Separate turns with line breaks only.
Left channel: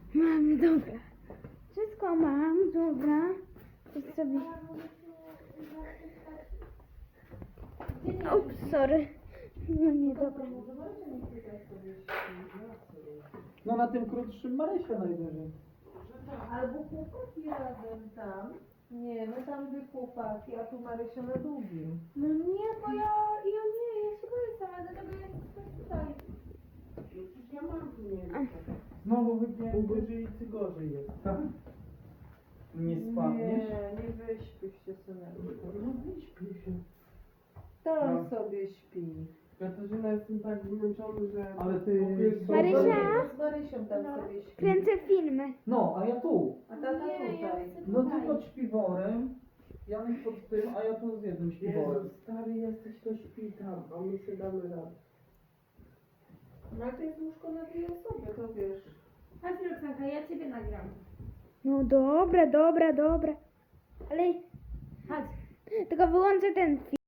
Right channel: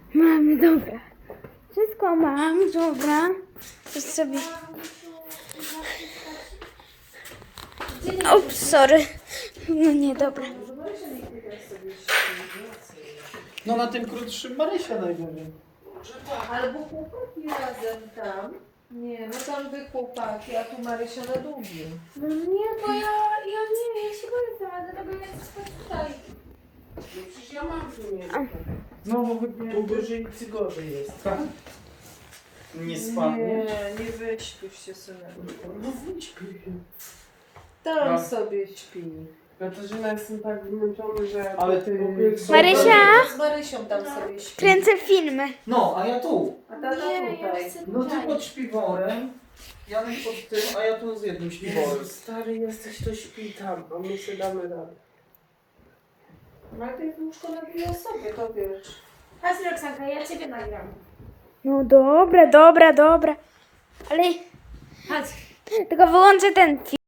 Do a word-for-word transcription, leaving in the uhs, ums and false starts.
Mamy, dobra. Wszystko mam, dobra. To sobie... Ups, sorry. No nie, dobra.
No na tym krótszym Marysia najwyżej.
Albo chłopaki razem tam. Nie, no tam wy chłopaki, a tu Marysia na długim.
No nie, bo ja, ja nie wiem, ja się boję sama, dlatego ja chcę tutaj.
No przecież ja mam tu miejsce.
Znowu
Tu
wypnięty.
gorzej czy gorzej jest.
Tak. Nie spadnie.
Nie, nie wyśpisz się, syneczku.
No wyśpi.
Tam
No.
sobie śpi.
Katarzyna, jestem tak zmęczony, że...
Ale ty-
Marysia?
Z Marysią tam sobie śpi.
Kręcę filmy.
No, a ja tu.
A tata tutaj.
No ty pod śpiworem, Janek pod tym, a ja tu z jednym śpiworem.
Jezu, stary jesteś, to śpi tam, a my się damy radę.
No ale to jest łóżko na dwie osoby, to wiesz.
Chodź, Roxanka, ja ciebie nagram. No dobra, dobra, dobra. Ale... Chodź. Tylko wyłączę ten film.